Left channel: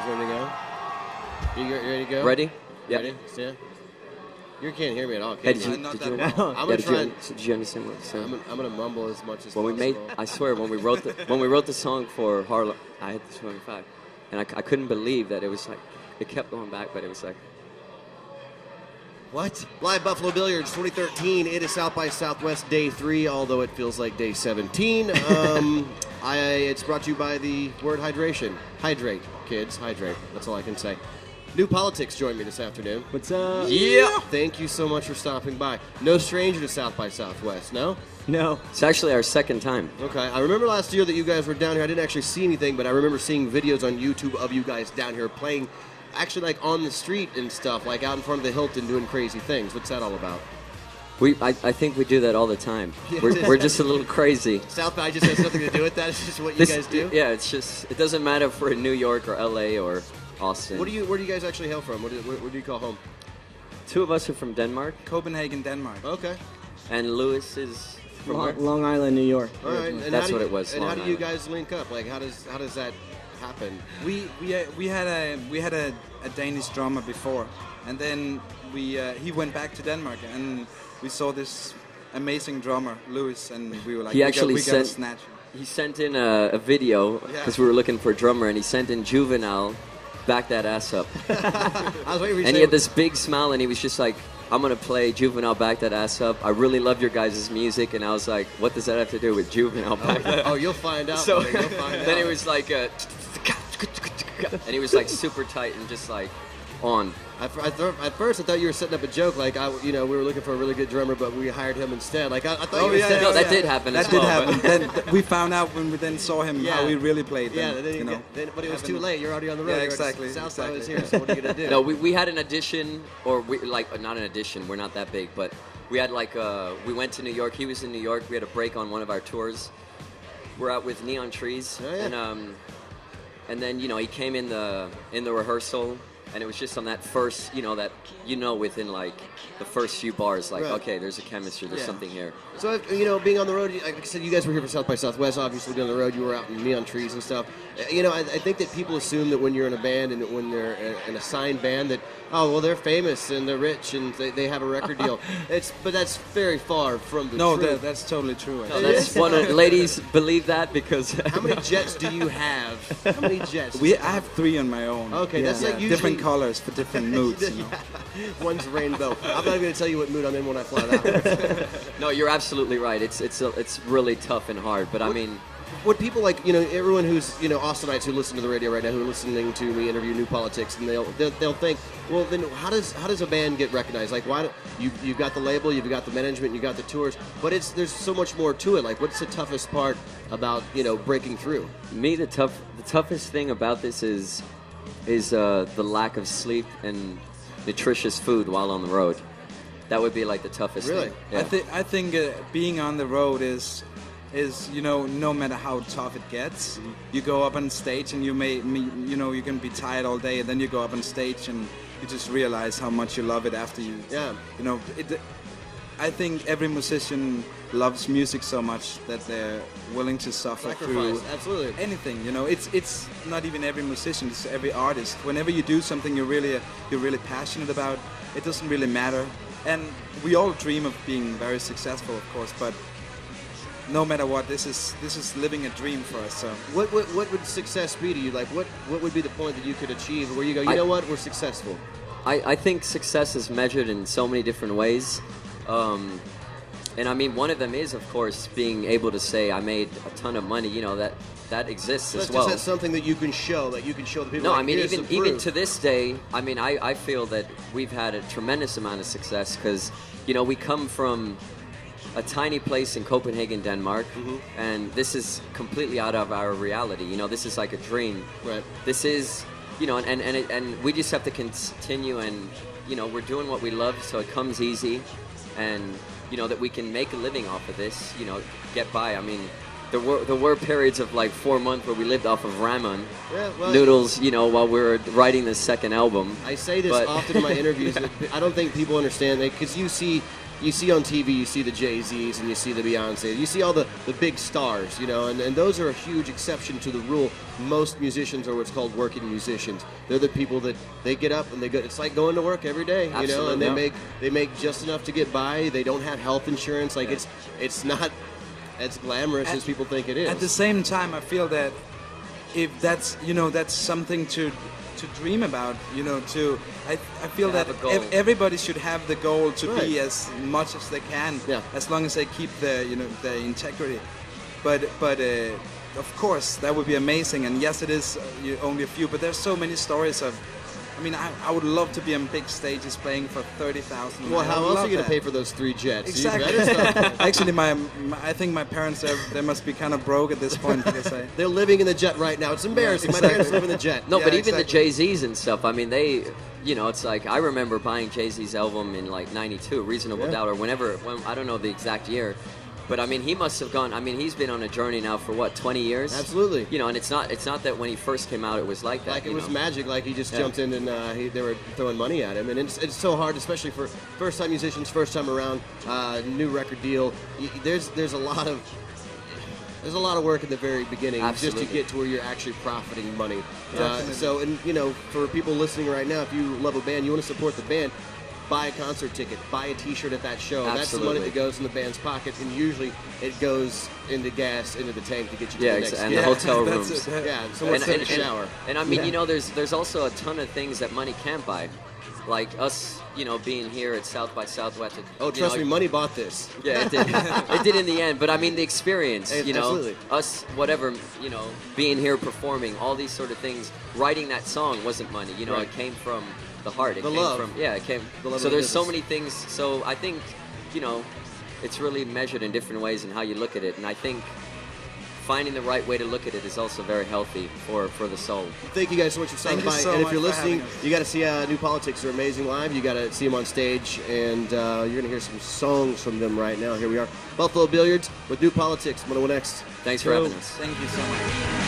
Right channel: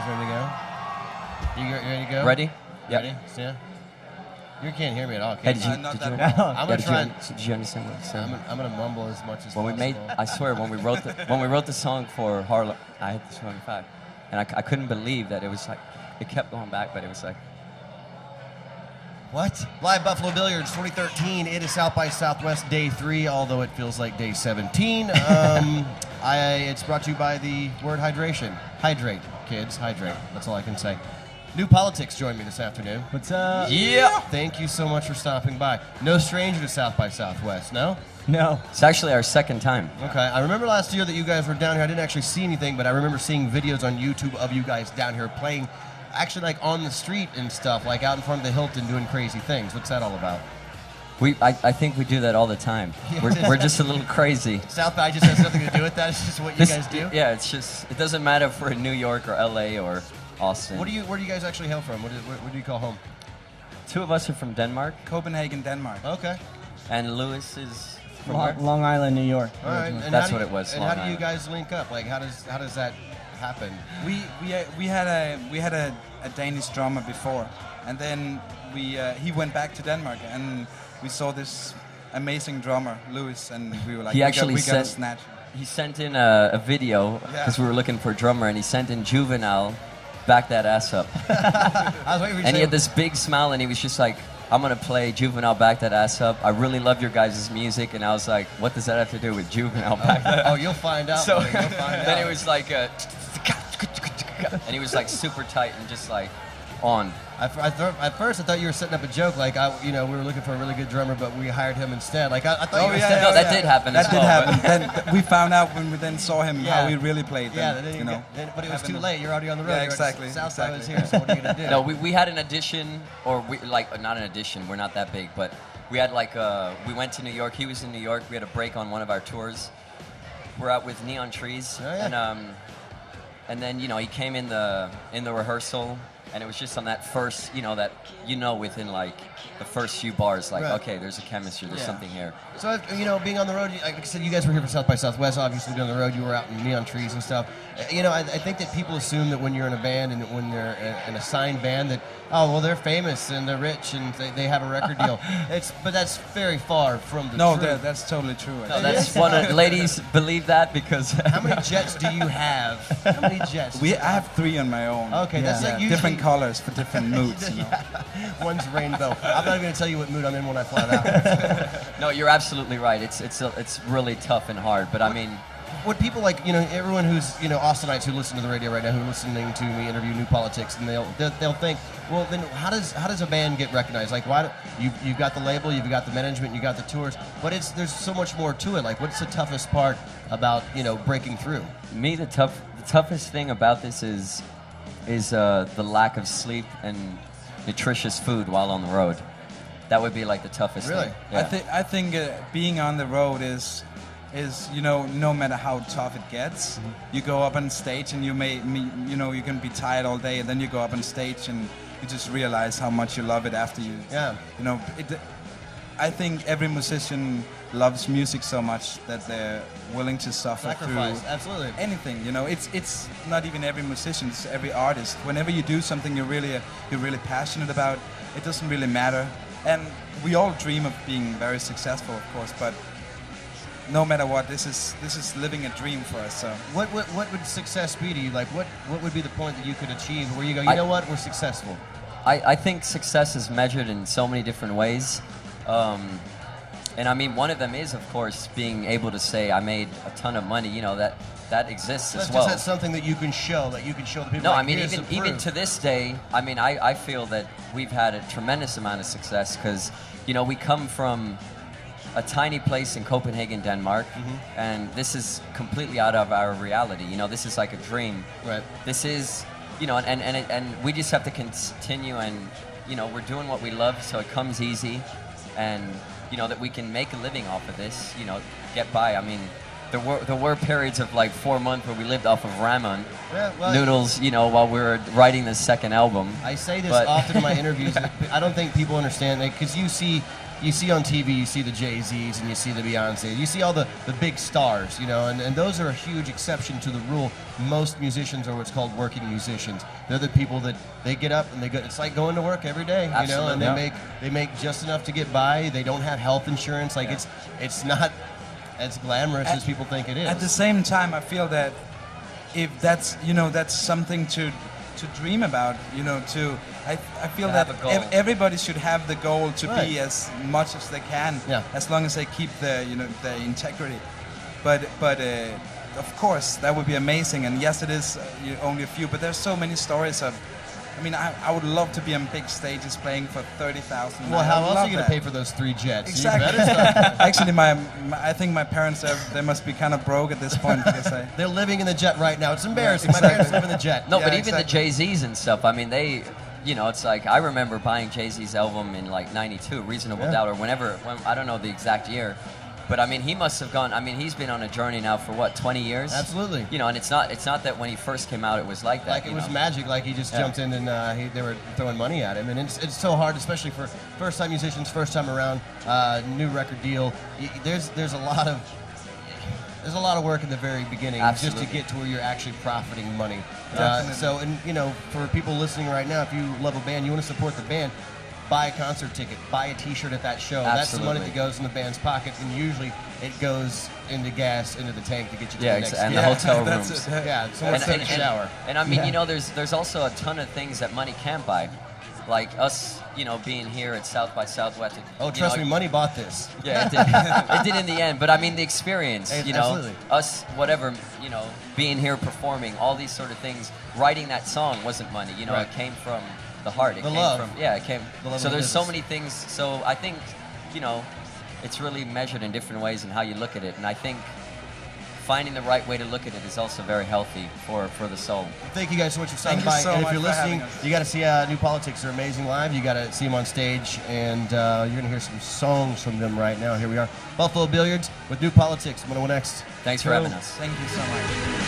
guys ready to go? You ready to go? Ready? Ready? Yep. Yeah. You can't hear me at all. Hey, Can did you? you? Did you? I'm gonna try. Did you understand what I said? I'm gonna mumble as much as When we possible. made, I swear, when we wrote the song for Harlem, I hit the 25, and I couldn't believe that it was like, it kept going back, but it was like. What? Live Buffalo Billiards 2013. It is South by Southwest Day 3, although it feels like Day 17. It's brought to you by the word hydration. Hydrate, kids. Hydrate. That's all I can say. New Politics joined me this afternoon. What's up? Yeah. Thank you so much for stopping by. No stranger to South by Southwest, no? No. It's actually our second time. Okay. I remember last year that you guys were down here. I didn't actually see anything, but I remember seeing videos on YouTube of you guys down here playing, actually like on the street and stuff, like out in front of the Hilton doing crazy things. What's that all about? I think we do that all the time. Yeah. We're just a little crazy. South by just has nothing to do with that. It's just what you guys do. Yeah, it's just, it doesn't matter if we're in New York or LA or Austin. Where do you guys actually hail from? What do you call home? Two of us are from Denmark, Copenhagen, Denmark. Okay. and Lewis is from where? Long Island, New York. All right. And That's how what it was, And Long how do you Island. guys link up? Like, how does that happen? We had a Danish drummer before, and then he went back to Denmark, and we saw this amazing drummer, Louis, and we were like, He actually we gotta sent- snatch him. He sent in a video because we were looking for a drummer, and he sent in Juvenile, back that ass up. I was waiting for you to And say he had this big smile, and he was just like, I'm going to play Juvenile, back that ass up. I really love your guys' music. And I was like, what does that have to do with Juvenile, back that Oh, you'll find out. So buddy. You'll find then out. it was like, and he was like super tight and just like on. At first, I thought you were setting up a joke. Like, we were looking for a really good drummer, but we hired him instead. Like, I thought you were setting No, up. that did happen That as did well, but- happen. Then we found out when we then saw him Yeah. how he really played. Yeah, Then, then you know. but it was too Having- late. You're already on the road. Yeah, You're already- exactly, Southside was exactly. here. So what are you gonna do? No, we had an audition, or not an audition. We're not that big, but we had like we went to New York. He was in New York. We had a break on one of our tours. We're out with Neon Trees, Oh, yeah. and then he came in the rehearsal, and it was just on that first, within like the first few bars, like Right. okay, there's a chemistry, there's Yeah. something here. So, being on the road, like I said, you guys were here for South by Southwest, obviously being on the road, you were out in Neon Trees and stuff. I think that people assume that when you're in a band and when they're in a signed band that, oh, well, they're famous and they're rich and they have a record deal. But that's very far from the No, truth. that's totally true. No, actually. that's one of ladies believe that because How many jets do you have? How many jets? I have 3 on my own. Okay, that's like usually different colors for different moods. You know? One's rainbow. I'm not even going to tell you what mood I'm in when I fly out. no, you're absolutely right. It's really tough and hard, but I mean. What people like, everyone who's, Austinites who listen to the radio right now, who are listening to me interview New Politics, and they'll think, well, then how does a band get recognized? Like, why you've got the label, you've got the management, you got the tours, but there's so much more to it. Like, what's the toughest part about breaking through? Me, the toughest thing about this is the lack of sleep and nutritious food while on the road. That would be like the toughest Really? thing. Yeah. I think being on the road is no matter how tough it gets, you go up on stage and you can be tired all day, and then you go up on stage and you just realize how much you love it after you. Yeah. I think every musician loves music so much that they're willing to suffer Sacrifice, through absolutely. anything. It's not even every musician; it's every artist. Whenever you do something you're really passionate about, it doesn't really matter. And we all dream of being very successful, of course, but no matter what, this is living a dream for us. So What would success be to you? Like, what would be the point that you could achieve where you go, you know what, we're successful? I think success is measured in so many different ways. And I mean, one of them is, of course, being able to say, I made a ton of money, that exists as well. That's something that you can show, the people. No, like, I mean, here's even some proof. to this day, I mean, I feel that we've had a tremendous amount of success because, we come from a tiny place in Copenhagen, Denmark, and this is completely out of our reality. This is like a dream. Right. This is, and we just have to continue, and we're doing what we love, so it comes easy, and that we can make a living off of this. Get by. I mean, there were periods of like 4 months where we lived off of ramen noodles, while we were writing the second album. I say this But- often in my interviews. That I don't think people understand that because you see you see on TV, you see the Jay-Z's and you see the Beyonce's, you see all the big stars, you know, and those are a huge exception to the rule. Most musicians are what's called working musicians. They're the people that they get up and they go. It's like going to work every day, you know, and they make just enough to get by. They don't have health insurance. Like it's not as glamorous as people think it is. At the same time, I feel that if that's, you know, that's something to dream about, you know, I feel that everybody should have the goal to be as much as they can, as long as they keep the, you know, the integrity. But of course that would be amazing, and yes, it is only a few, but there's so many stories of, I mean, I would love to be on big stages playing for 30,000. Well, how else are you going to pay for those 3 jets? Exactly. Actually, I think my parents, they must be kind of broke at this point, because they're living in the jet right now. It's embarrassing. My parents live in the jet. No, but even the Jay-Z's and stuff, I mean, they, you know, it's like, I remember buying Jay-Z's album in like 92, Reasonable Doubt, or when, I don't know the exact year. But I mean, he must have gone. I mean, he's been on a journey now for what, 20 years? Absolutely. You know, and it's not that when he first came out, it was like that. Like it was magic. Like he just jumped in and they were throwing money at him, and it's so hard, especially for first-time musicians, first time around, new record deal. There's a lot of work in the very beginning just to get to where you're actually profiting money. So, and you know, for people listening right now, if you love a band, you want to support the band. Buy a concert ticket, buy a T-shirt at that show. That's the money that goes in the band's pocket, and usually it goes into gas, into the tank to get you to the next and the hotel rooms. Someone's taking a shower. And I mean, you know, there's also a ton of things that money can't buy. Like us, you know, being here at South by Southwest. Oh, trust me, money bought this. Yeah, it did. It did in the end. But I mean, the experience, you know, absolutely. Us, whatever, you know, being here performing, all these sort of things. Writing that song wasn't money. You know, it came from the heart. It the came love. from, it came. So there's so many things. So I think, you know, it's really measured in different ways in how you look at it. And I think finding the right way to look at it is also very healthy for the soul. Thank you guys so much for stopping by. So and if you're much for listening, having us. you got to see New Politics. They're amazing live. You got to see them on stage, and you're going to hear some songs from them right now. Here we are, Buffalo Billiards with New Politics. 101X. Thanks for having us. Thank you so much.